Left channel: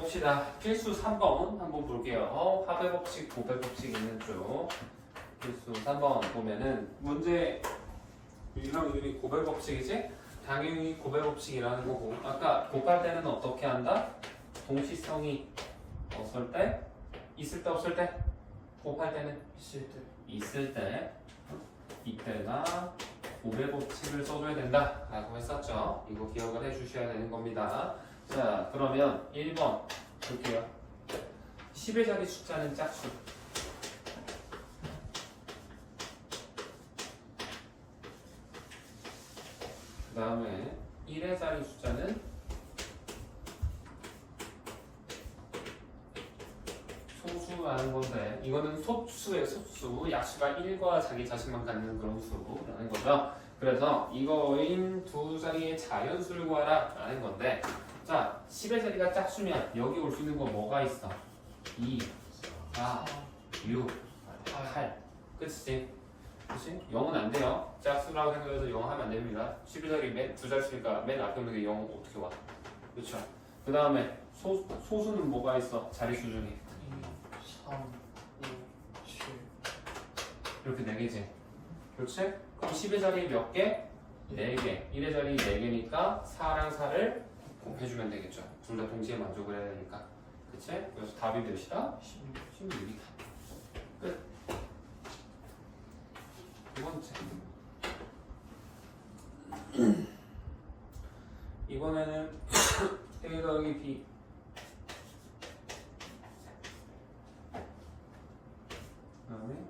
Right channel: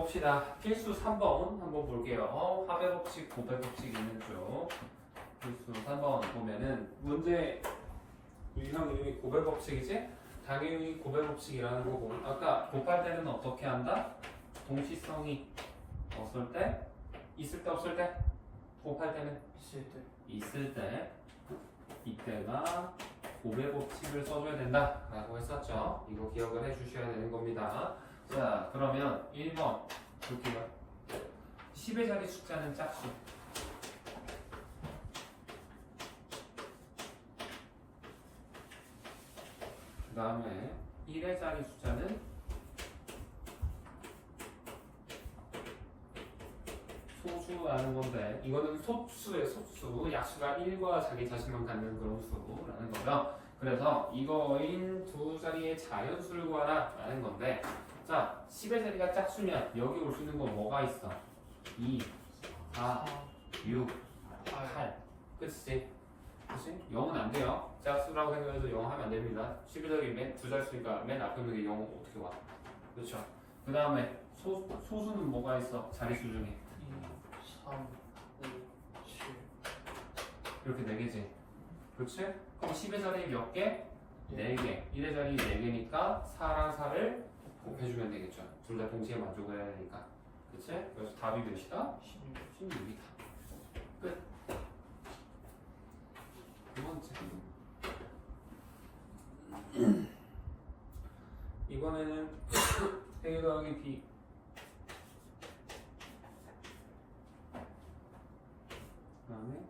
봅시다. 필수 3번 한번 볼게요. 화배 법칙, 고배 법칙 있는 쪽. 필수 3번 보면은 문제 유형 이름이 고배 법칙이지? 당연히 고배 법칙이라는 거고 아까 곱할 때는 어떻게 한다? 동시성이 없을 때? 있을 때 없을 때? 곱할 때는? 있을 때 이때가 고배 법칙을 써줘야 된다 라고 했었죠. 이거 기억을 해주셔야 되는 겁니다. 자 그러면 1번 볼게요. 10의 자리 숫자는 짝수 그 다음에 1의 자리 숫자는 소수라는 건데 이거는 소수의 소수 약수가 1과 자기 자신만 갖는 그런 수라는 거죠. 그래서 이거인 두 자리의 자연수를 구하라 라는 건데 자 10의 자리가 짝수면 여기 올 수 있는 거 뭐가 있어? 2, 4, 6, 8 그치? 그치? 0은 안 돼요. 짝수라고 생각해서 0 하면 안 됩니다. 10의 자리 두 자릿수니까 맨 앞에 있는 게 0은 어떻게 와? 그렇죠? 그 다음에 소수는 뭐가 있어? 자릿수 중에 3, 2, 7 이렇게 4개지? 그렇지? 그럼 10의 자리 몇 개? 4개 1의 자리 4개니까 4랑 4를 곱해주면 되겠죠. 둘 다 동시에 만족을 해야 되니까 그치? 그래서 답이 몇이다? 16이다. 끝. 두 번째 이번에는 A 더하기 B 그 다음에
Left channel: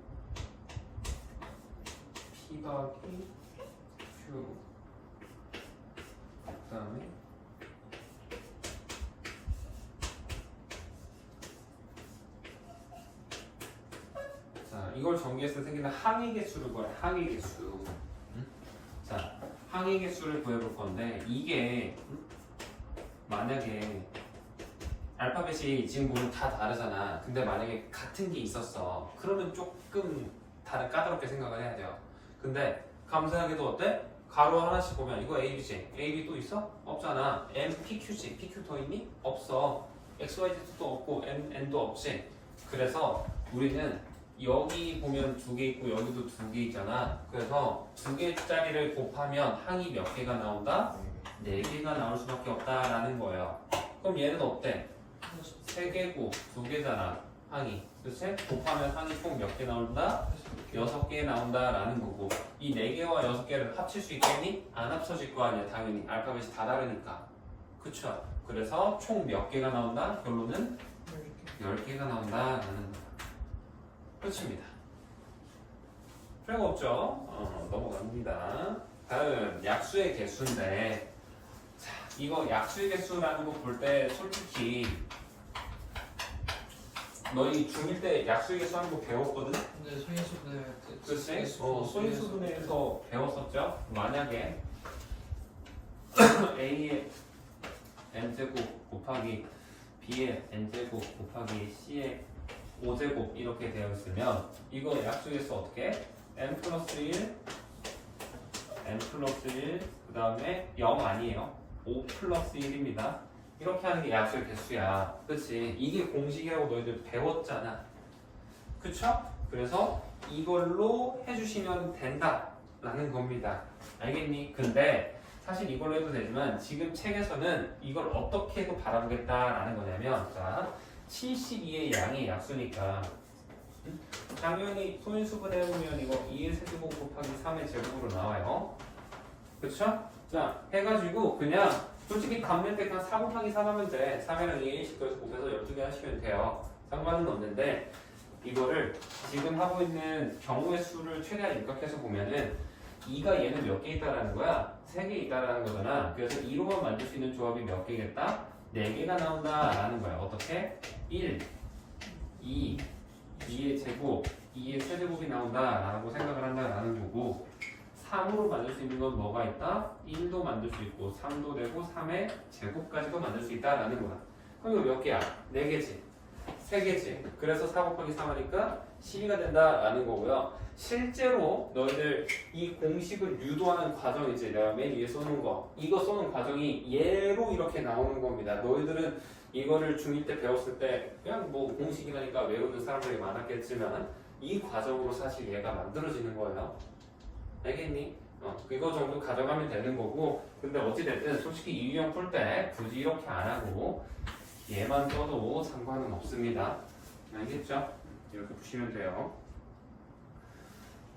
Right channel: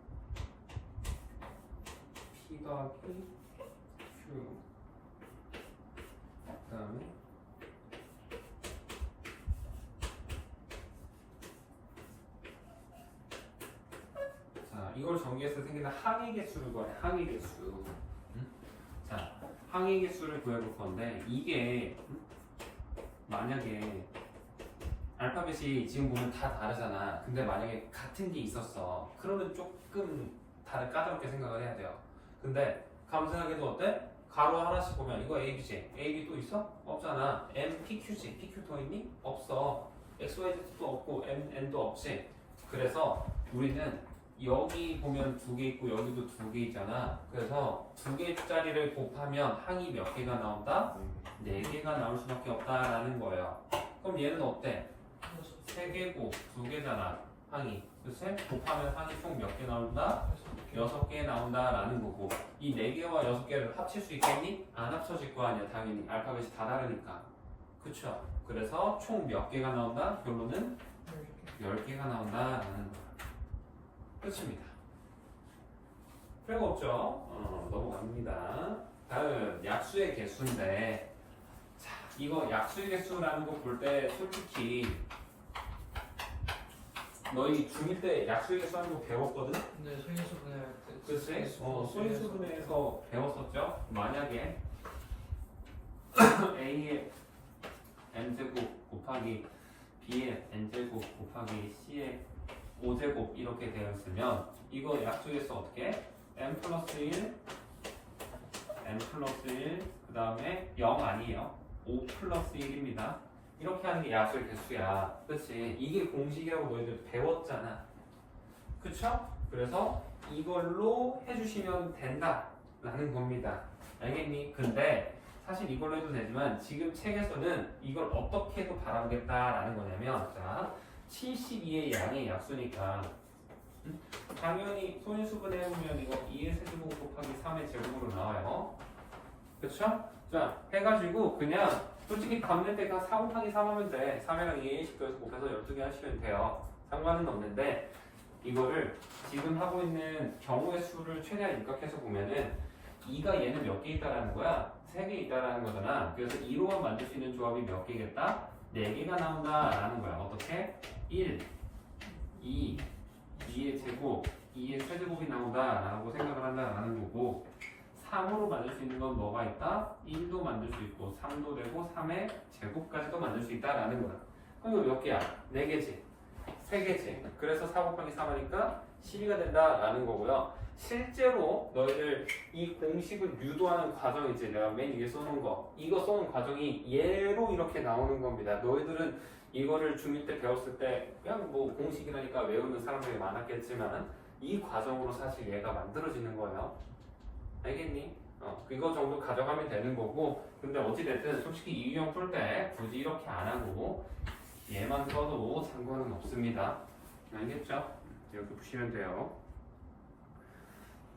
P 더하기 Q 그 다음에 자 이걸 전개했을 때 생기는 항의 개수를 구해. 항의 개수. 자 항의 개수를 구해볼 건데 이게 만약에 알파벳이 지금 보면 다 다르잖아. 근데 만약에 같은 게 있었어. 그러면 조금 까다롭게 생각을 해야 돼요. 근데 감사하게도 어때? 가로 하나씩 보면 이거 AB지. AB 또 있어? 없잖아. M, PQ지. PQ 더 있니? 없어. XYZ도 없고 N도 없지. 그래서 우리는 여기 보면 2개 있고 여기도 2개 있잖아. 그래서 2개짜리를 곱하면 항이 몇 개가 나온다? 4개가 나올 수밖에 없다라는 거예요. 그럼 얘는 어때? 3개고 2개잖아 항이. 그치? 곱하면 항이 총 몇 개 나온다? 6개 나온다라는 거고 이 4개와 6개를 합칠 수 있겠니? 안 합쳐질 거 아니야. 당연히 알파벳이 다 다르니까. 그쵸? 그래서 총 몇 개가 나온다? 결론은 10개가 나온다라는 거야. 끝입니다. 별거 없죠? 넘어갑니다. 다음 약수의 개수인데 자 이거 약수의 개수라는 거 볼 때 솔직히 너희 중1 때 약수의 개수 하는 거 배웠거든? 근데 소인수분해 그치? 소인수분해에서 배웠었죠? 만약에 A의 n제곱 곱하기 B의 n제곱 곱하기 C의 5제곱 이렇게 되어 있으면 이거 약수에서 어떻게? n 플러스 1 그 다음에 0 아니에요. 5 플러스 1입니다. 이렇게 하는 게 약수의 개수야. 그치? 이게 공식이라고 너희들 배웠잖아. 그쵸? 그래서 이걸로 해주시면 된다라는 겁니다. 알겠니? 근데 사실 이걸로 해도 되지만 지금 책에서는 이걸 어떻게 해도 바라보겠다라는 거냐면 자 72의 양의 약수니까 당연히 소인수분해 보면 이거 2의 세제곱 곱하기 3의 제곱으로 나와요. 그쵸? 자 해가지고 그냥 솔직히 감낼 때 그냥 4 곱하기 3 하면 돼. 3이랑 2의 식도에서 곱해서 12개 하시면 돼요. 상관은 없는데 이거를 지금 하고 있는 경우의 수를 최대한 입각해서 보면은 2가 얘는 몇 개 있다라는 거야? 3개 있다라는 거잖아. 그래서 2로만 만들 수 있는 조합이 몇 개겠다? 4개가 나온다라는 거야. 어떻게? 1, 2, 2의 제곱, 2의 세제곱이 나온다라고 생각을 한다라는 거고 3으로 만들 수 있는 건 뭐가 있다? 1도 만들 수 있고 3도 되고 3의 제곱까지도 만들 수 있다라는 거야. 그럼 이거 몇 개야? 4개지? 3개지? 그래서 4 곱하기 3 하니까 12가 된다라는 거고요. 실제로 너희들 이 공식을 유도하는 과정이지. 내가 맨 위에 써놓은 거 이거 써놓은 과정이 얘로 이렇게 나오는 겁니다. 너희들은 이거를 중2 때 배웠을 때 그냥 뭐 공식이라니까 외우는 사람들이 많았겠지만 이 과정으로 사실 얘가 만들어지는 거예요. 알겠니? 이거 정도 가져가면 되는 거고 근데 어찌됐든 솔직히 이 유형 풀 때 굳이 이렇게 안 하고 얘만 써도 상관은 없습니다. 알겠죠? 이렇게 푸시면 돼요.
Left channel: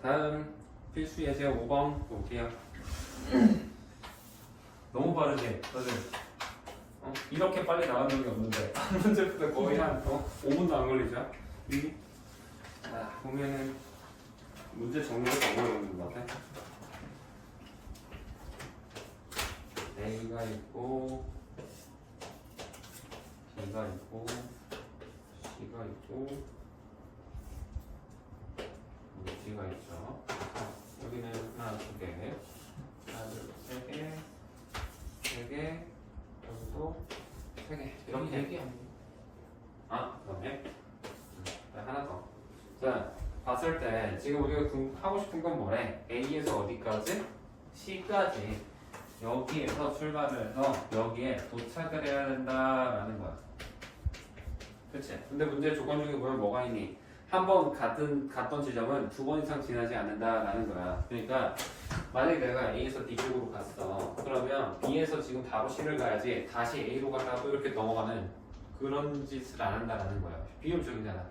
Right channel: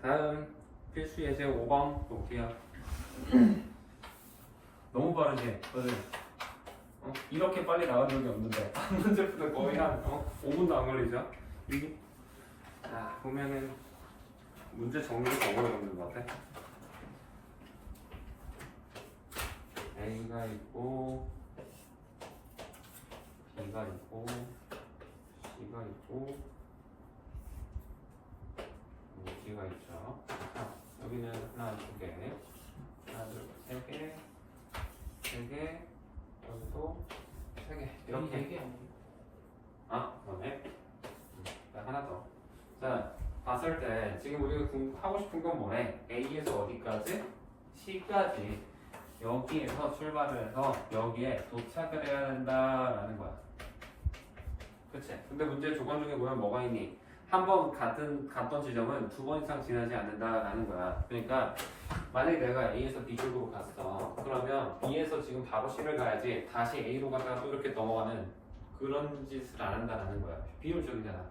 다음 필수 예제 5번 볼게요. 너무 빠르지? 이렇게 빨리 나간 적이 없는데 한 문제부터 거의 한 5분도 안 걸리죠? 이게 보면은 문제 정리가 더 오래 걸리는 것 같아. A가 있고 B가 있고 C가 있고 D가 있죠. 여기는 하나, 두 개, 하나, 둘, 세 개, 세 개, 여기도 세 개. 이렇게. 얘기 아니에요? 그다음에 하나 더. 자, 봤을 때 지금 우리가 하고 싶은 건 뭐래? A에서 어디까지? C까지. 여기에서 출발을 해서 여기에 도착을 해야 된다라는 거야. 그치? 근데 문제 조건 중에 보면 뭐가 있니? 한 번 갔던 지점은 2번 이상 지나지 않는다라는 거야. 그러니까 만약에 내가 A에서 D 쪽으로 갔어. 그러면 B에서 지금 바로 C를 가야지 다시 A로 갔다가 또 이렇게 넘어가는 그런 짓을 안 한다라는 거야. 비효율적이잖아.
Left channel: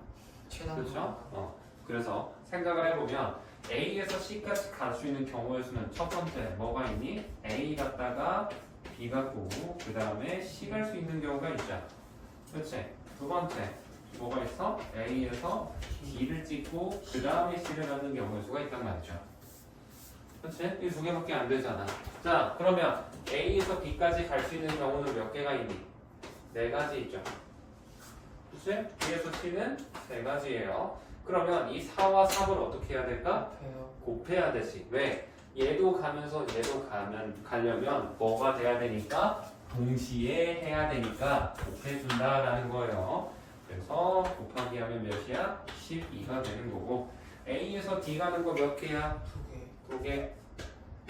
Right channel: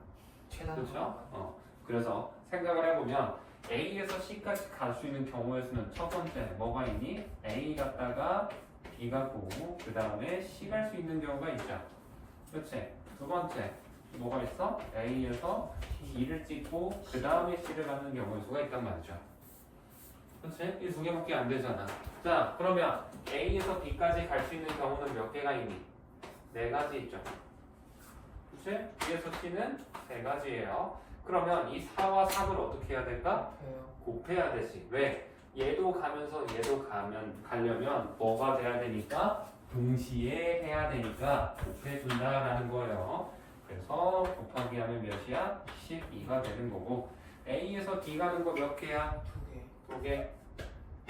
최단 그렇죠? 그래서 생각을 해보면 A에서 C까지 갈 수 있는 경우의 수는 첫 번째 뭐가 있니? A 갔다가 B 가고 그 다음에 C 갈 수 있는 경우가 있죠. 그렇지? 두 번째 뭐가 있어? A에서 D를 찍고 그 다음에 C를 가는 경우의 수가 있단 말이죠. 그렇지? 이 두 개밖에 안 되잖아. 자, 그러면 A에서 B까지 갈 수 있는 경우는 몇 개가 있니? 네 가지 있죠. 그렇지? B에서 C는 세 가지예요. 그러면 이 4와 3을 어떻게 해야 될까? 곱해야 되지. 왜? 얘도 가면서 얘도 가려면 뭐가 돼야 되니까? 동시에 해야 되니까 곱해준다라는 거예요. 그래서 곱하기 하면 몇이야? 12가 되는 거고 A에서 D 가는 거 몇 개야? 두 개.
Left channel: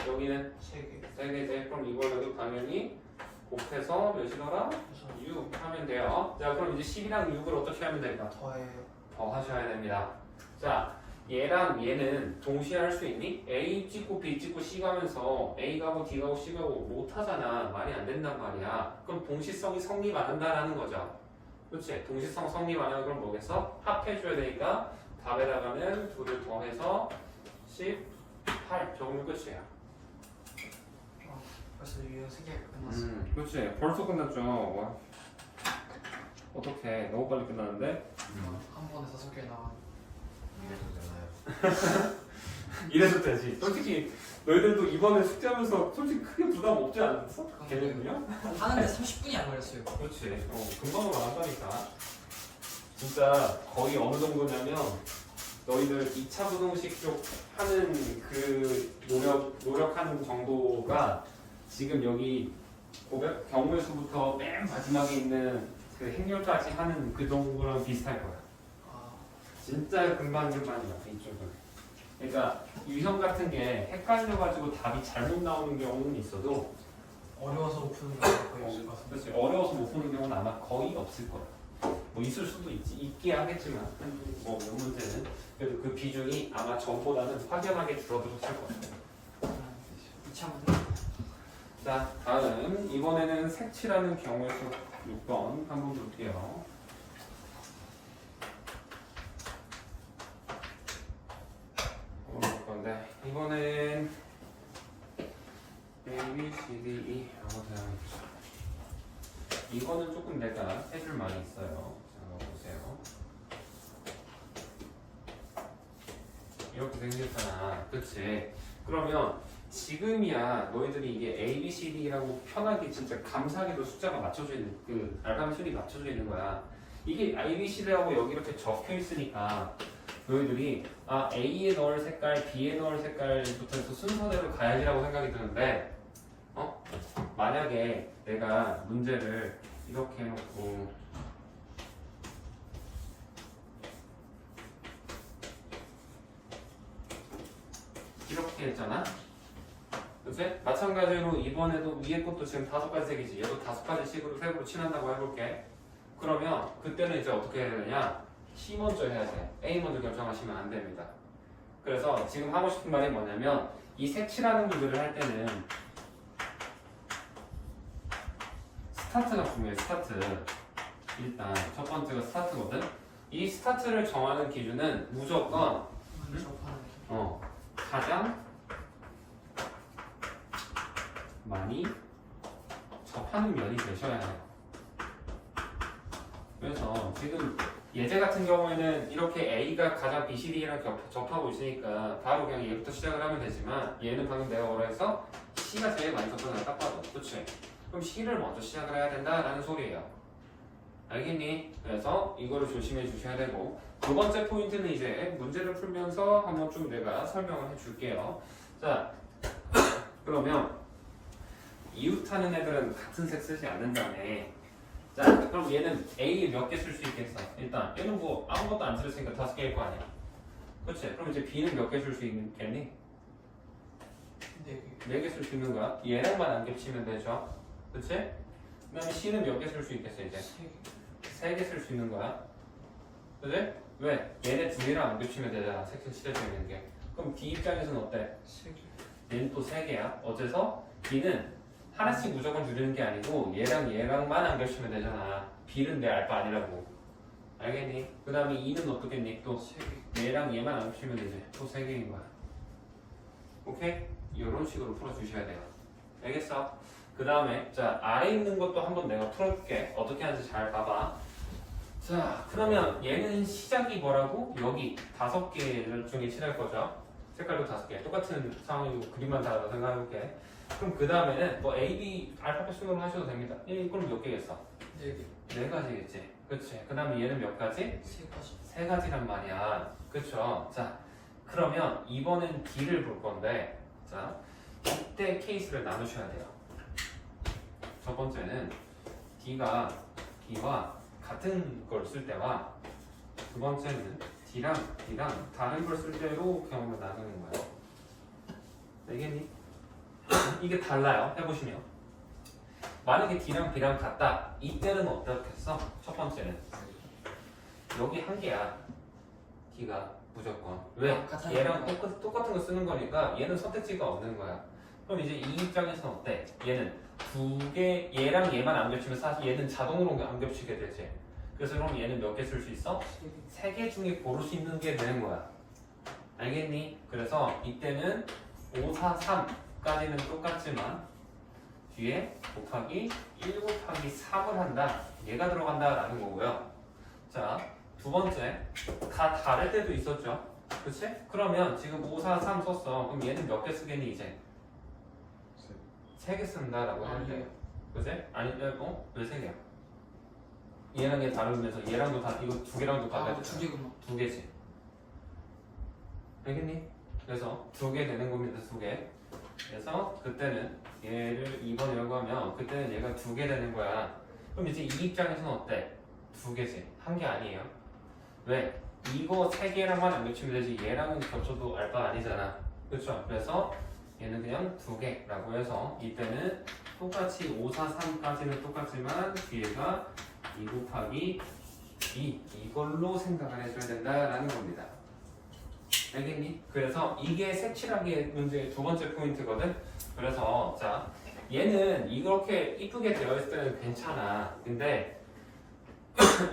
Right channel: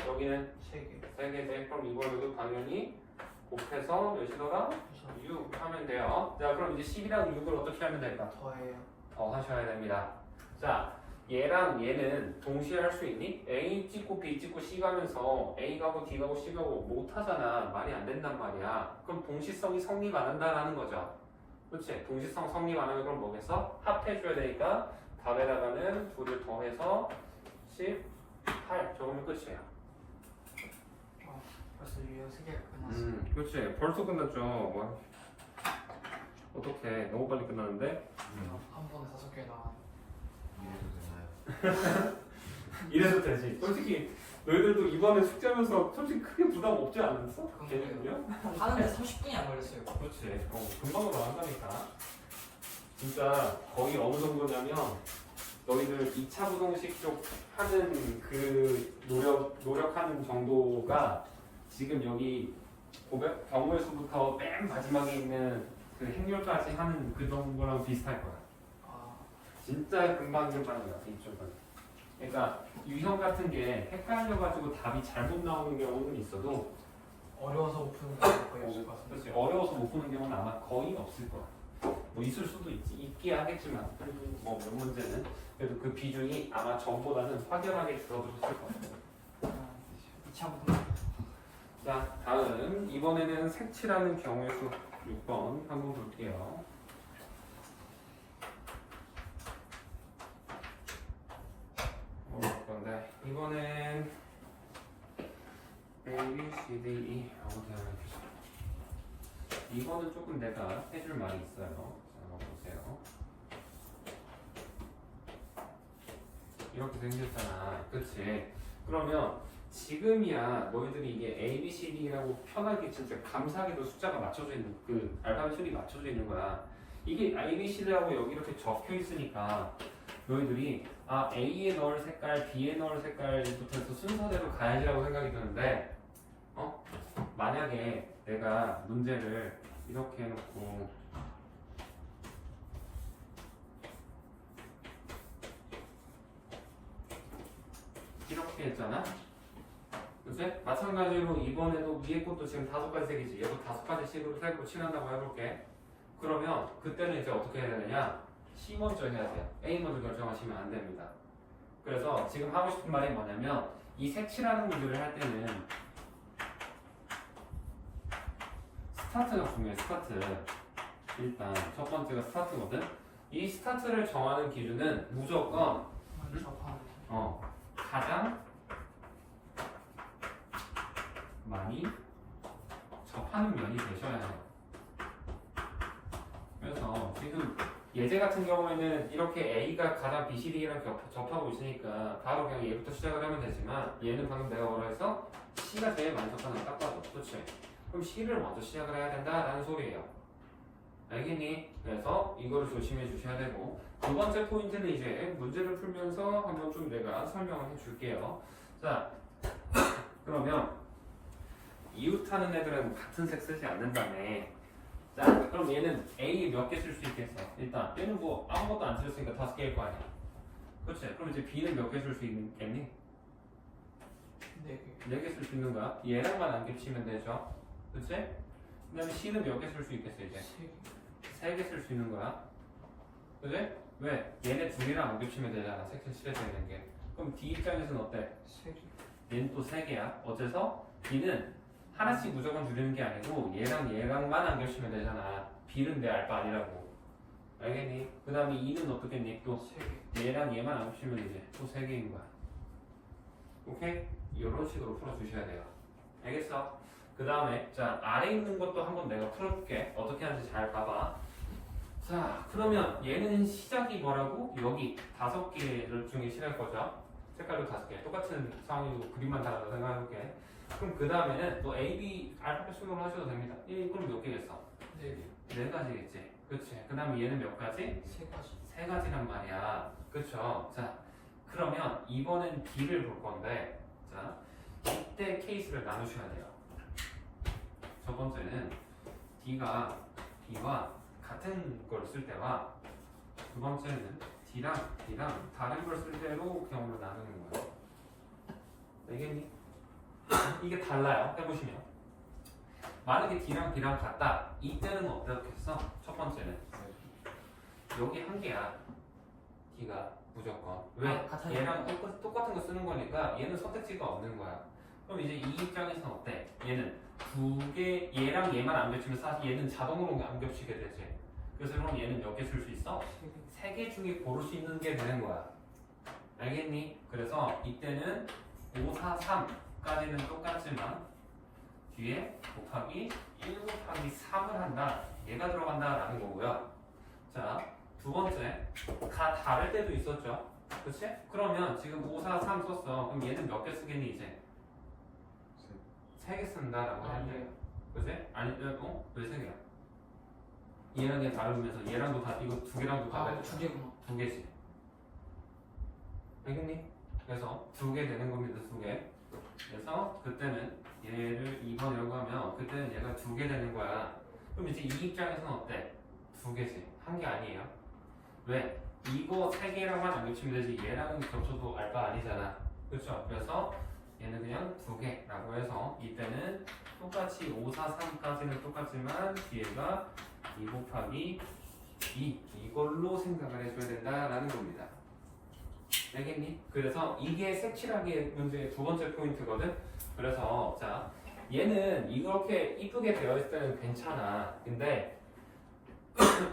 여기는 세 개 돼. 그럼 이걸로도 당연히 곱해서 몇이더라? 6 하면 돼요. 자, 그럼 이제 10이랑 6을 어떻게 하면 될까? 더 하셔야 됩니다. 자, 얘랑 얘는 동시에 할 수 있니? A 찍고 B 찍고 C 가면서 A 가고 D 가고 C 가고 못 하잖아. 말이 안 된단 말이야. 그럼 동시성이 성립 안 한다라는 거죠. 그렇지? 동시성 성립 안 하면 그럼 뭐겠어? 합해줘야 되니까 답에다가는 2를 더해서 18 적으면 끝이야. 벌써 유형 3개가 끝났어. 그렇지. 벌써 끝났죠. 뭐. 어떻게 너무 빨리 끝났는데? 한 번에 5개 나와. 이래도 되나요? 이래도 되지. 솔직히 너희들도 이번에 숙제하면서 솔직히 크게 부담 없지 않았어? 개념은요? 하는데 30분이 안 걸렸어요. 그렇지. 금방 나간다니까. 진짜 거의 어느 정도냐면 너희들 2차 부동식 쪽 하는 그 노력하는 정도가 지금 여기 경우의 수부터 맨 마지막에 있는 그 행렬까지 하는 그 정도랑 비슷할 거야. 진짜 금방 많이 같아 이쪽은. 그러니까 유형 같은 게 헷갈려가지고 답이 잘못 나오는 경우는 있어도 어려워서 못 푸는 거 거의 없을 것 같은데. 그렇지. 어려워서 못 푸는 경우는 아마 거의 없을 거야. 뭐 있을 수도 있긴 하겠지만 뭐 몇 문제는 그래도 그 비중이 아마 전보다는 확연하게 줄어들었을 것 같아요. 2차부터 자, 다음 이번에는 색칠하는 경우의 수 6번 한번 볼게요. 건데 이번엔 A, B, C, D, E 라고 되어 있죠. 이거는 조금 내가 해줄 말이 있어요. 자, 보세요. 이렇게 생겼잖아. 그치? 그러면 지금이야 너희들이 이게 A, B, C, D라고 편하게 진짜 감사하게도 숫자가 맞춰져 있는 그 알파벳 순이 맞춰져 있는 거야. 이게 A, B, C, D라고 여기 이렇게 적혀 있으니까 너희들이 A에 넣을 색깔, B에 넣을 색깔부터 해서 순서대로 가야지라고 생각이 드는데 만약에 내가 문제를 이렇게 해놓고 이렇게 했잖아? 그치? 마찬가지로 이번에도 위에 것도 지금 5가지 색이지. 얘도 5가지 식으로 색으로 칠한다고 해볼게. 그러면 그때는 이제 어떻게 해야 되느냐? C 먼저 해야 돼요. A 먼저 결정하시면 안 됩니다. 그래서 지금 하고 싶은 말이 뭐냐면 이 색칠하는 구조를 할 때는 스타트가 중요해. 스타트. 일단 첫 번째가 스타트거든. 이 스타트를 정하는 기준은 무조건 가장 많이 접하는 면이 되셔야 해요. 그래서 지금 예제 같은 경우에는 이렇게 A가 가장 B, C, D랑 접하고 있으니까 바로 그냥 얘부터 시작을 하면 되지만 얘는 방금 내가 뭐라 했어? C가 제일 많이 접하는 딱 봐도. 그치? 그럼 C를 먼저 시작을 해야 된다라는 소리예요. 알겠니? 그래서 이거를 조심해 주셔야 되고 두 번째 포인트는 이제 문제를 풀면서 한번 좀 내가 설명을 해줄게요. 자, 그러면 이웃하는 애들은 같은 색 쓰지 않는다며. 자, 그럼 얘는 A 몇 개 쓸 수 있겠어? 일단 얘는 뭐 아무것도 안 쓸었으니까 5개일 거 아니야. 그치? 그럼 이제 B는 몇 개 쓸 수 있겠니? 4개 쓸 수 있는 거야. 얘랑만 안 겹치면 되죠. 그치? 그 다음에 C는 몇 개 쓸 수 있겠어 이제? 3개 쓸 수 있는 거야. 그치? 왜? 얘네 2개랑 안 겹치면 되잖아. 색칠 칠해져 있는 게. 그럼 D 입장에서는 어때? 얘는 또 3개야. 어째서? B는 하나씩 무조건 줄이는 게 아니고 얘랑 얘랑만 안 겹치면 되잖아. B는 내 알바 아니라고. 알겠니? 그 다음에 E는 어떻겠니? 또 얘랑 얘만 안 겹치면 되지. 또 3개인 거야. 오케이? 이런 식으로 풀어주셔야 돼요. 알겠어? 그 다음에 자 아래 있는 것도 한번 내가 풀어줄게. 어떻게 하는지 잘 봐봐. 자 그러면 얘는 시작이 뭐라고? 여기 5개 중에 칠할 거죠. 색깔도 5개. 똑같은 상황이고 그림만 다르다 생각해볼게. 그럼 그 다음에는 뭐 A, B 알파벳 순으로 하셔도 됩니다. 그럼 몇 개겠어? 4 가지겠지. 그치? 그 다음에 얘는 몇 가지? 3 가지란 말이야. 그쵸? 자 그러면 이번엔 D를 볼 건데 자 이때 케이스를 나누셔야 돼요. 첫 번째는 D와 같은 걸 쓸 때와 두 번째는 D랑 다른 걸 쓸 때로 경우를 나누는 거예요. 알겠니? 이게 달라요. 해보시면 만약에 D랑 B랑 같다. 이때는 어떻겠어? 첫 번째는 여기 한 개야. D가 무조건 왜? 얘랑 똑같은 거 쓰는 거니까 얘는 선택지가 없는 거야. 그럼 이제 이 입장에서는 어때? 얘는 2개, 얘랑 얘만 안 겹치면 사실 얘는 자동으로 안 겹치게 되지. 그래서 그럼 얘는 몇 개 쓸 수 있어? 3개 중에 고를 수 있는 게 되는 거야. 알겠니? 그래서 이때는 5, 4, 3까지는 똑같지만 뒤에 곱하기 1 곱하기 3을 한다. 얘가 들어간다라는 거고요. 자, 두 번째, 다 다를 때도 있었죠. 그치? 그러면 지금 5, 4, 3 썼어. 그럼 얘는 몇 개 쓰겠니 이제? 3개 쓴다라고 하는데, 그치? 아니, 왜 3개야? 얘랑 얘 다르면서 얘랑도 다 이거 2개랑도 다 같아. 2개지. 알겠니? 그래서 2개 되는 겁니다. 2개. 그래서 그때는 얘를 2번 열고 하면 그때는 얘가 2개 되는 거야. 그럼 이제 이 입장에서는 어때? 2개지. 1개 아니에요. 왜? 이거 3개랑만 안 겹치면 되지 얘랑은 겹쳐도 알바 아니잖아. 그렇죠? 그래서 얘는 그냥 2개라고 해서 이때는 똑같이 5, 4, 3까지는 똑같지만 뒤에가 2 곱하기 2 이걸로 생각을 해줘야 된다라는 겁니다. 알겠니? 그래서 이게 색칠하기 문제의 두 번째 포인트거든. 그래서 자 얘는 이렇게 이쁘게 되어 있을 때는 괜찮아. 근데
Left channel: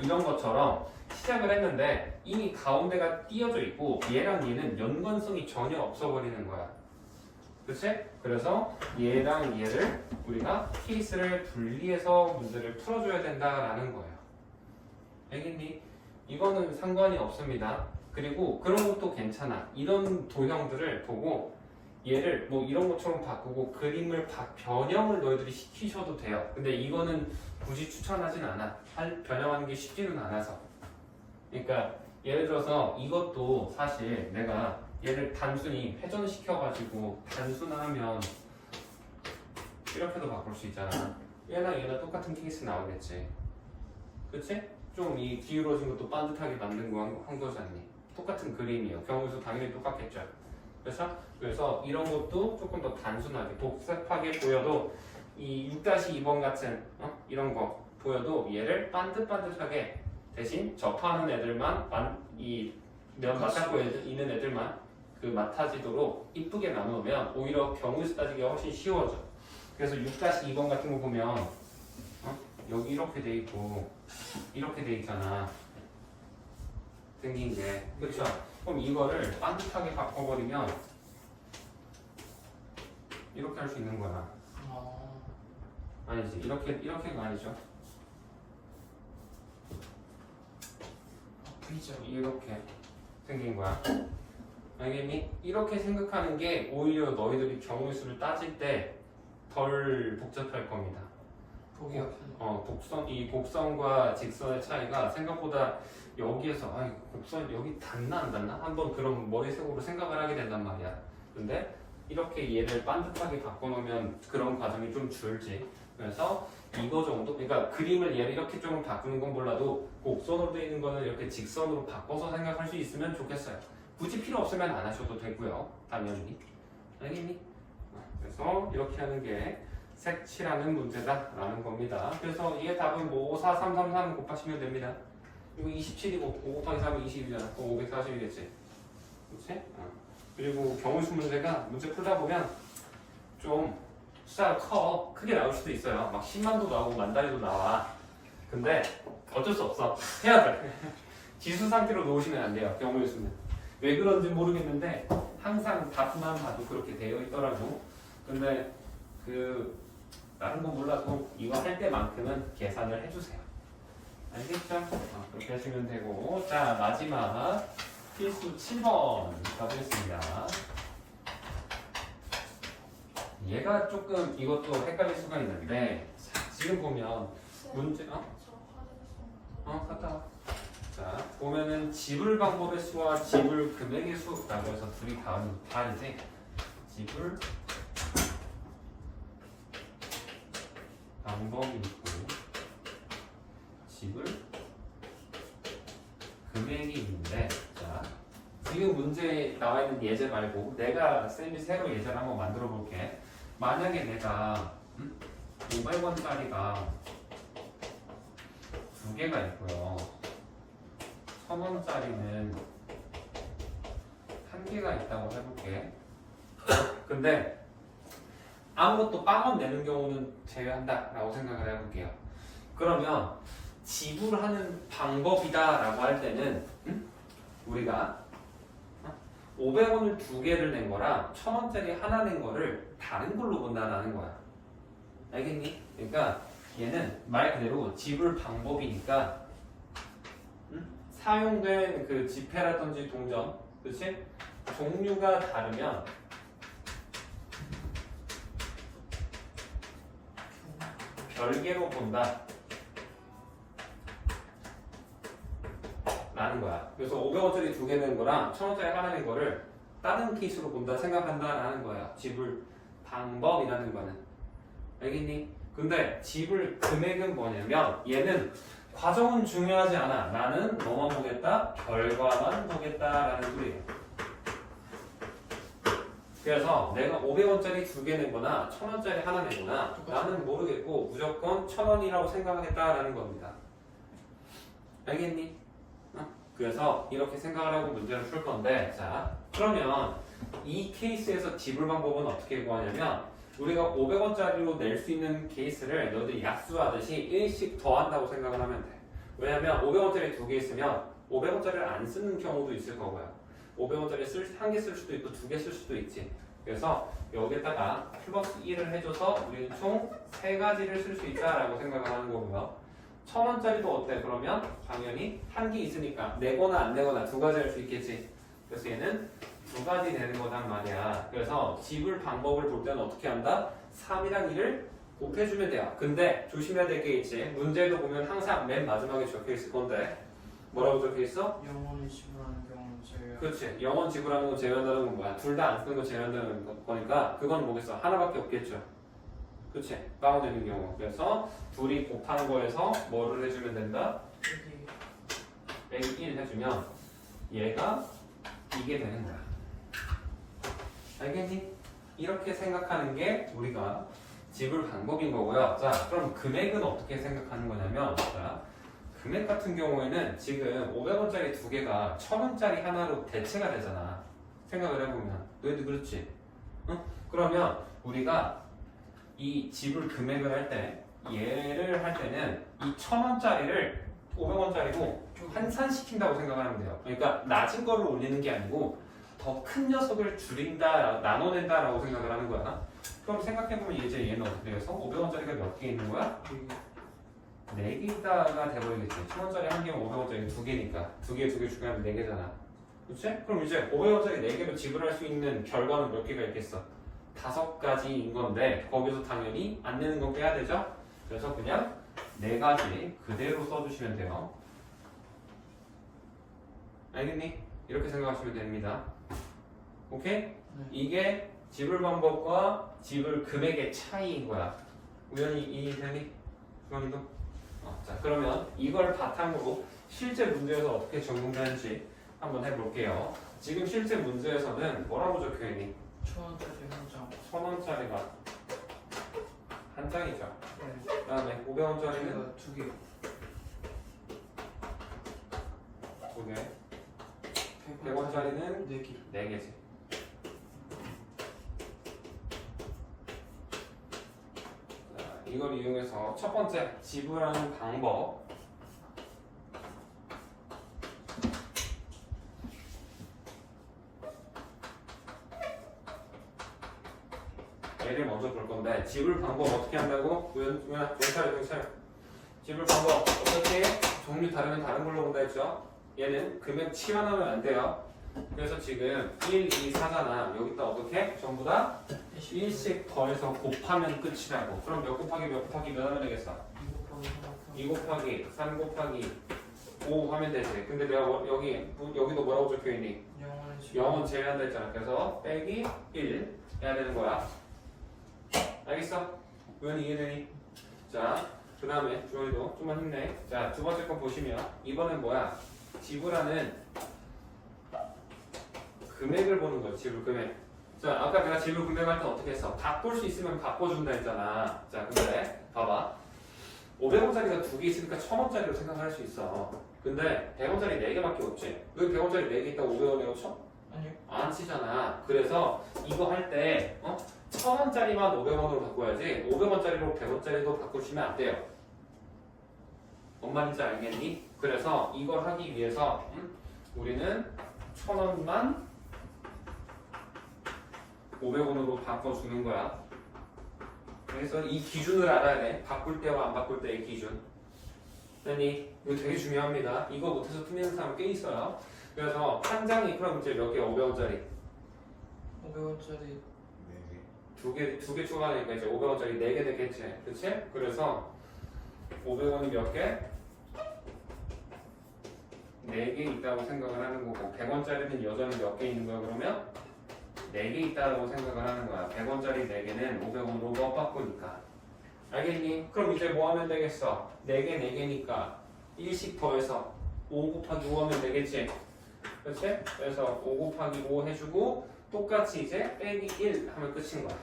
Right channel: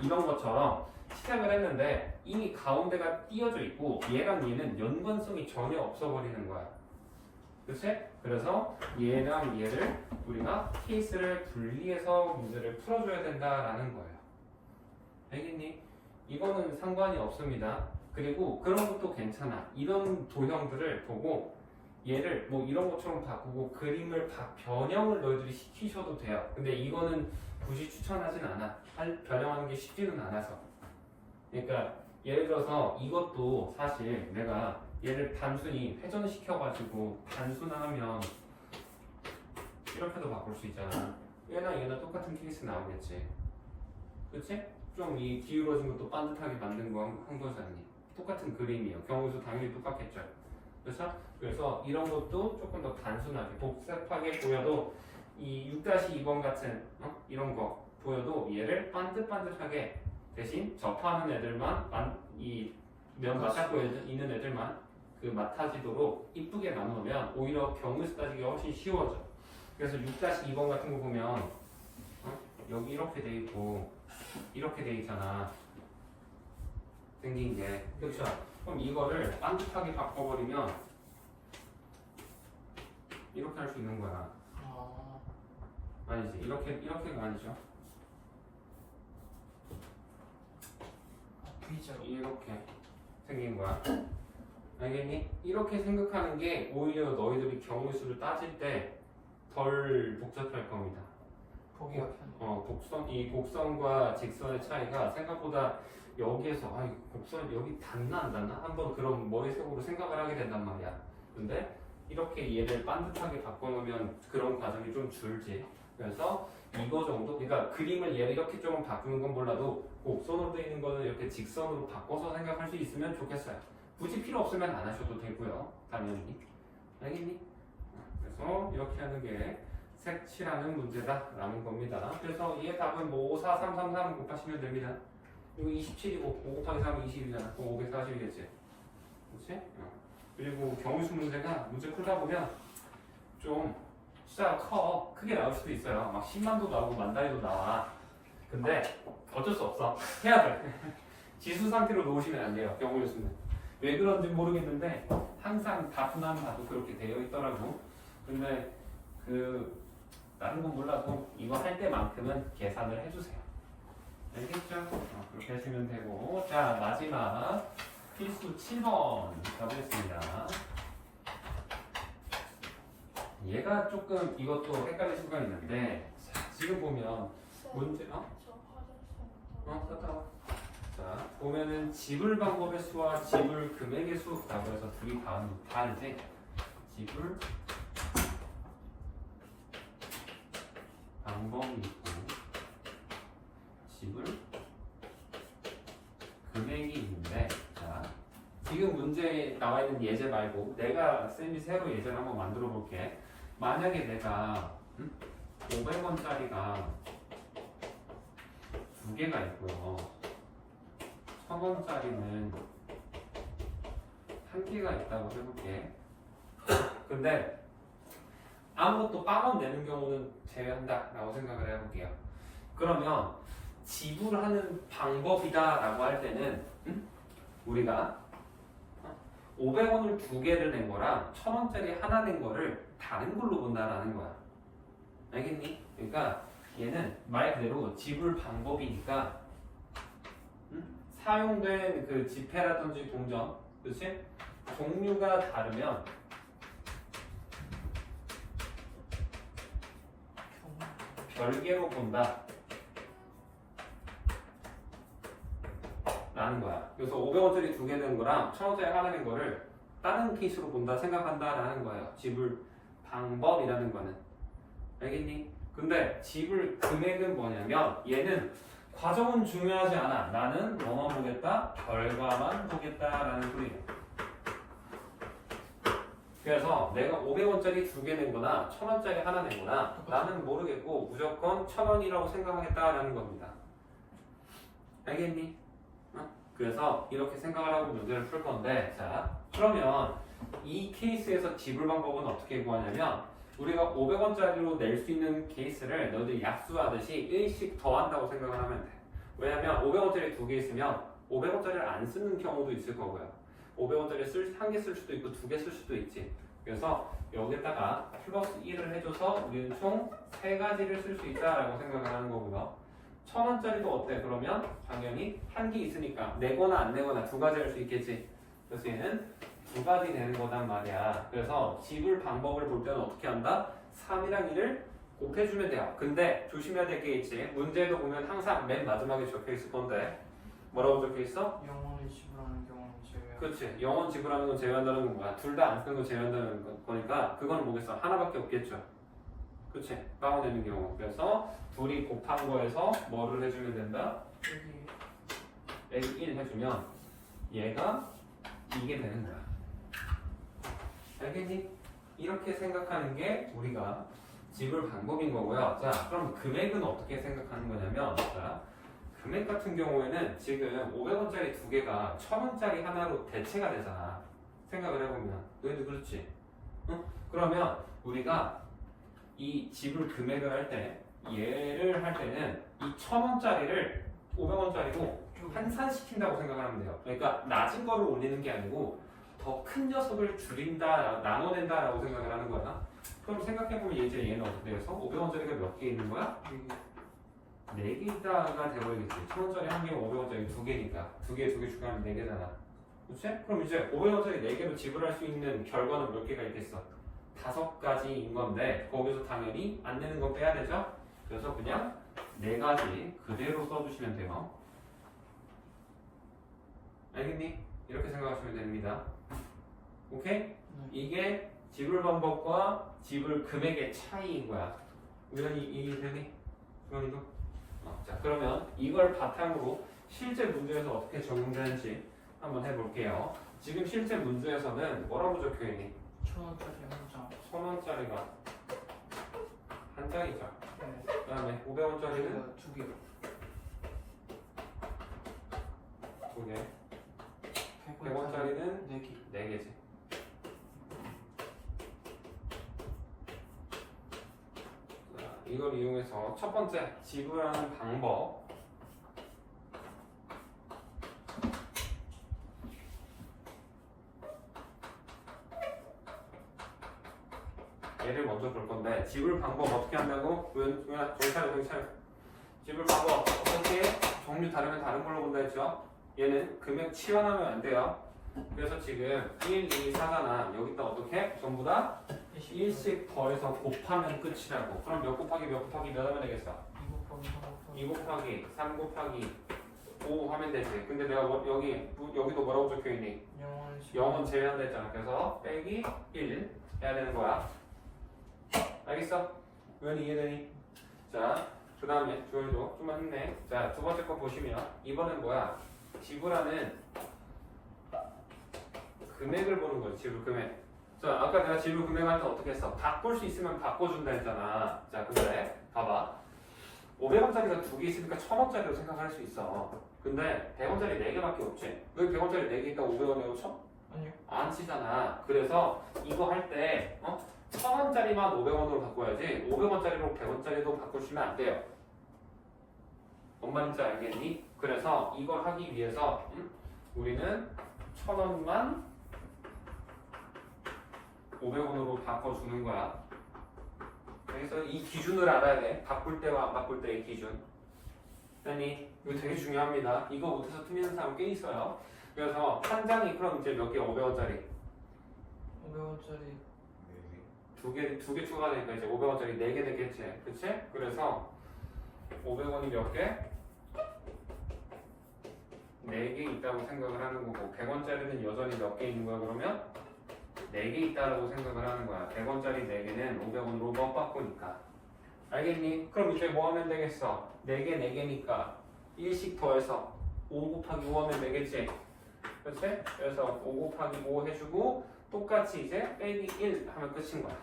이런 것처럼 시작을 했는데 이미 가운데가 띄어져 있고 얘랑 얘는 연관성이 전혀 없어 버리는 거야. 그치? 그래서 얘랑 얘를 우리가 케이스를 분리해서 문제를 풀어줘야 된다라는 거예요. 알겠니? 이거는 상관이 없습니다. 그리고 그런 것도 괜찮아. 이런 도형들을 보고 얘를 뭐 이런 것처럼 바꾸고 그림을 변형을 너희들이 시키셔도 돼요. 근데 이거는 굳이 추천하진 않아. 변형하는 게 쉽지는 않아서. 그러니까 예를 들어서 이것도 사실 내가 얘를 단순히 회전시켜가지고 단순하면 이렇게도 바꿀 수 있잖아. 얘나 똑같은 케이스 나오겠지. 그치? 좀 이 기울어진 것도 반듯하게 만든 거 한 거잖니. 똑같은 그림이에요. 경우수 당연히 똑같겠죠. 그래서 이런 것도 조금 더 단순하게 복잡하게 보여도 이 6-2번 같은 이런 거 보여도 얘를 반듯반듯하게 대신 접하는 애들만 이 면 맞잡고 있는 애들만 그 맡아지도록 이쁘게 나누면 오히려 경우에서 따지기가 훨씬 쉬워져. 그래서 6-2번 같은 거 보면 여기 이렇게 돼 있고 이렇게 돼 있잖아. 생긴 게 그렇죠. 그럼 이거를 반듯하게 바꿔버리면 이렇게 할 수 있는 거야. 아니지 이렇게가 아니죠. V자로. 이렇게 생긴 거야. 알겠니? 이렇게 생각하는 게 오히려 너희들이 경우의 수를 따질 때 덜 복잡할 겁니다. 보기가 편해. 이 곡선과 직선의 차이가 생각보다 여기에서 이 곡선 여기 닿나 안 닿나 한번 그런 머릿속으로 생각을 하게 된단 말이야. 근데 이렇게 얘를 반듯하게 바꿔놓으면 그런 과정이 좀 줄지. 그래서 이거 정도, 그러니까 그림을 얘를 이렇게 조금 바꾸는 건 몰라도 곡선으로 되어 있는 거는 이렇게 직선으로 바꿔서 생각할 수 있으면 좋겠어요. 굳이 필요 없으면 안 하셔도 되고요. 당연히. 알겠니? 그래서 이렇게 하는 게 색칠하는 문제다라는 겁니다. 그래서 이게 답은 뭐 5, 4, 3, 3, 3 곱하시면 됩니다. 이거 27이고 5 곱하기 3은 20이잖아. 그럼 540이겠지. 그렇지? 그리고 경우수 문제가 문제 풀다 보면 좀 숫자가 크게 나올 수도 있어요. 막 10만도 나오고 만 단위도 나와. 근데 어쩔 수 없어. 해야 돼. 지수 상태로 놓으시면 안 돼요. 경우수는. 왜 그런지 모르겠는데 항상 답만 봐도 그렇게 되어 있더라고. 근데 다른 건 몰라도 이거 할 때만큼은 계산을 해주세요. 알겠죠? 그렇게 하시면 되고. 자, 마지막 필수 7번 가보겠습니다. 얘가 조금 이것도 헷갈릴 수가 있는데 지금 보면 문제 갔다 와. 자, 보면은 지불 방법의 수와 지불 금액의 수라고 해서 둘이 다르지? 지불 방법이 있고 지불 금액이 있는데, 자, 지금 문제에 나와 있는 예제 말고 내가 쌤이 새로 예제를 한번 만들어 볼게. 만약에 내가 500원짜리가 두 개가 있고요. 1000원짜리는 한 개가 있다고 해볼게. 근데 아무것도 빵원 내는 경우는 제외한다 라고 생각을 해볼게요. 그러면 지불하는 방법이다 라고 할 때는 우리가 500원을 두 개를 낸 거랑 1000원짜리 하나 낸 거를 다른 걸로 본다라는 거야. 알겠니? 그러니까 얘는 말 그대로 지불 방법이니까 사용된 그 지폐라든지 동전, 그렇지? 종류가 다르면 별개로 본다 라는 거야. 그래서 500원짜리 두 개 낸 거랑 1000원짜리 하나 낸 거를 다른 케이스로 본다 생각한다 라는 거예요. 지불 방법이라는 거는. 알겠니? 근데 지불 금액은 뭐냐면 얘는 과정은 중요하지 않아. 나는 뭐만 보겠다? 결과만 보겠다라는 소리예요. 그래서 내가 500원짜리 두 개 낸거나 1000원짜리 하나 낸거나 나는 모르겠고 무조건 1000원이라고 생각하겠다라는 겁니다. 알겠니? 그래서 이렇게 생각을 하고 문제를 풀 건데, 자, 그러면 이 케이스에서 지불 방법은 어떻게 구하냐면 우리가 500원짜리로 낼 수 있는 케이스를 너희들이 약수하듯이 1씩 더한다고 생각을 하면 돼. 왜냐면 500원짜리 두 개 있으면 500원짜리를 안 쓰는 경우도 있을 거고요. 500원짜리 한 개 쓸 수도 있고 두 개 쓸 수도 있지. 그래서 여기다가 플러스 1을 해줘서 우리는 총 3가지를 쓸 수 있다라고 생각을 하는 거고요. 1000원짜리도 어때? 그러면 당연히 한 개 있으니까 내거나 안 내거나 두 가지 할 수 있겠지. 그래서 얘는 두 가지 되는 거단 말이야. 그래서 지불 방법을 볼 때는 어떻게 한다? 3이랑 1을 곱해주면 돼요. 근데 조심해야 될 게 있지. 문제도 보면 항상 맨 마지막에 적혀 있을 건데 뭐라고 적혀 있어? 영원히 지불하는 경우는 제외. 그렇지. 영원 지불하는 건 제외한다는 건 뭐야? 둘 다 안 쓰는 거 제외한다는 거니까 그건 뭐겠어? 하나밖에 없겠죠. 그렇지. 빵원되는 경우. 그래서 둘이 곱한 거에서 뭐를 해주면 된다? 빼기 1 해주면 얘가 이게 되는 거야. 알겠니? 이렇게 생각하는 게 우리가 지불 방법인 거고요. 자, 그럼 금액은 어떻게 생각하는 거냐면, 자, 금액 같은 경우에는 지금 500원짜리 두 개가 1000원짜리 하나로 대체가 되잖아. 생각을 해보면. 너희도 그렇지? 응? 그러면 우리가 이 지불 금액을 할 때, 얘를 할 때는 이 1000원짜리를 500원짜리로 환산시킨다고 생각을 하면 돼요. 그러니까 낮은 거를 올리는 게 아니고 더 큰 녀석을 줄인다, 나눠낸다라고 생각을 하는 거야. 그럼 생각해보면 이제 얘는 어떻게 돼서 500원짜리가 몇 개 있는 거야? 4개 있다가 돼버리겠지. 1000원짜리 한 개면 500원짜리 두 개니까. 두 개 추가하면 4개잖아. 그치? 그럼 이제 500원짜리 4개로 지불할 수 있는 결과는 몇 개가 있겠어? 5가지인 건데 거기서 당연히 안 내는 거 빼야 되죠? 그래서 그냥 4가지 그대로 써주시면 돼요. 알겠니? 이렇게 생각하시면 됩니다. 오케이? 이게 지불 방법과 지불 금액의 차이인 거야. 우연히 이해되니? 주원이도? 자, 그러면 이걸 바탕으로 실제 문제에서 어떻게 적용되는지 한번 해볼게요. 지금 실제 문제에서는 뭐라고 적혀있니? 1000원짜리 한 장. 1000원짜리가 한 장이죠. 네. 그 다음에 500원짜리는 제가 두 개. 2개, 100원짜리는 4개. 4개지. 이걸 이용해서 첫 번째 지불하는 방법. 얘를 먼저 볼 건데 지불 방법 어떻게 한다고? 우연아 정찰. 지불 방법 어떻게? 종류 다르면 다른 걸로 본다 했죠? 얘는 금액 치환하면 안 돼요. 그래서 지금 1, 2, 4잖아. 여기다 어떻게? 전부 다 1씩 더해서 곱하면 끝이라고. 그럼 몇 곱하기 몇 하면 되겠어? 2 곱하기 3 곱하기 5 하면 되지. 근데 내가 여기도 뭐라고 적혀있니? 0은 제외한다 했잖아. 그래서 빼기 1 해야 되는 거야. 알겠어? 우연히 이해되니? 자, 그 다음에 주원이도 좀만 힘내. 자, 두 번째 거 보시면 이번엔 뭐야? 지불하는 금액을 보는 거지. 지불 금액. 자, 아까 내가 지불 금액 할 때 어떻게 했어? 바꿀 수 있으면 바꿔준다 했잖아. 자, 근데 봐봐. 500원짜리가 두 개 있으니까 1000원짜리로 생각할 수 있어. 근데 100원짜리 4개밖에 없지. 왜 100원짜리 4개 있다고 500원에 쳐? 아니요. 안 치잖아. 그래서 이거 할 때 1000원짜리만 500원으로 바꿔야지 500원짜리로 100원짜리도 바꾸시면 안 돼요. 뭔 말인지 알겠니? 그래서 이걸 하기 위해서 우리는 1000원만 500원으로 바꿔주는 거야. 그래서 이 기준을 알아야 돼. 바꿀 때와 안 바꿀 때의 기준. 아니, 이거 되게 중요합니다. 이거 못해서 틀리는 사람 꽤 있어요. 그래서 한 장이 그럼 이제 몇 개? 500원짜리 500원짜리 두 개 추가하니까 이제 500원짜리 4개 되겠지. 그치? 그래서 500원이 몇 개? 4개 있다고 생각을 하는 거고 100원짜리는 여전히 몇 개 있는 거야 그러면? 4개 있다고 생각을 하는 거야. 100원짜리 4개는 500원으로 못 바꾸니까. 알겠니? 그럼 이제 뭐 하면 되겠어? 4개 4개니까 1씩 더해서 5 곱하기 5 하면 되겠지? 그렇지? 그래서 5 곱하기 5 해주고 똑같이 이제 빼기 1 하면 끝인 거야.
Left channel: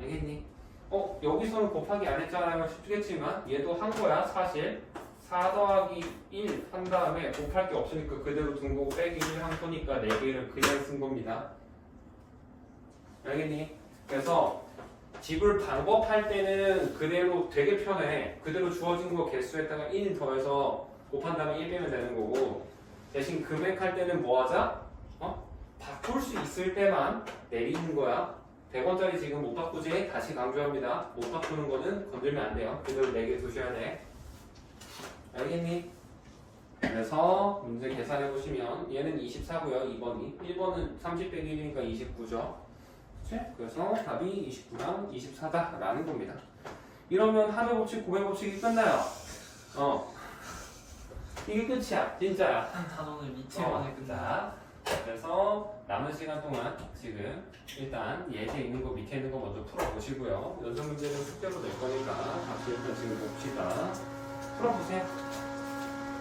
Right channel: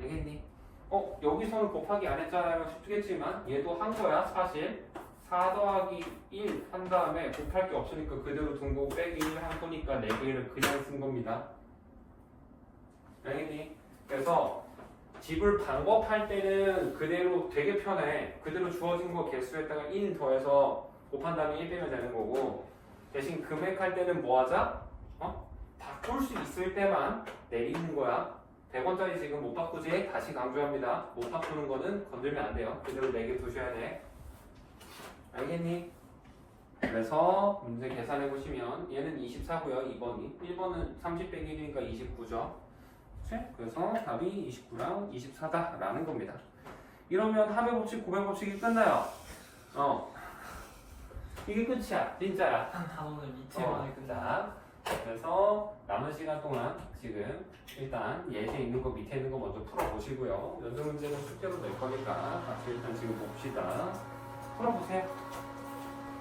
알겠니? 여기서는 곱하기 안 했잖아. 이거 쉽겠지만 얘도 한 거야 사실. 4 더하기 1 한 다음에 곱할 게 없으니까 그대로 둔 거고 빼기 1 한 거니까 4개를 그냥 쓴 겁니다. 알겠니? 그래서 지불 방법 할 때는 그대로 되게 편해. 그대로 주어진 거 개수에다가 1 더해서 곱한 다음에 1 빼면 되는 거고 대신 금액 할 때는 뭐 하자? 바꿀 수 있을 때만 내리는 거야. 100원짜리 지금 못 바꾸지? 다시 강조합니다. 못 바꾸는 거는 건들면 안 돼요. 그대로 4개 두셔야 돼. 알겠니? 그래서 문제 계산해 보시면 얘는 24고요. 2번이 1번은 30 빼기 1이니까 29죠. 그치? 그래서 답이 29랑 24다 라는 겁니다. 이러면 합의 법칙, 고백 법칙이 끝나요. 이게 끝이야. 진짜야. 한 단원을 이틀 만에 끝나. 그래서 남은 시간 동안 지금 일단 예제 있는 거 밑에 있는 거 먼저 풀어보시고요. 연습 문제는 숙제로 낼 거니까 같이 일단 지금 봅시다. 풀어보세요.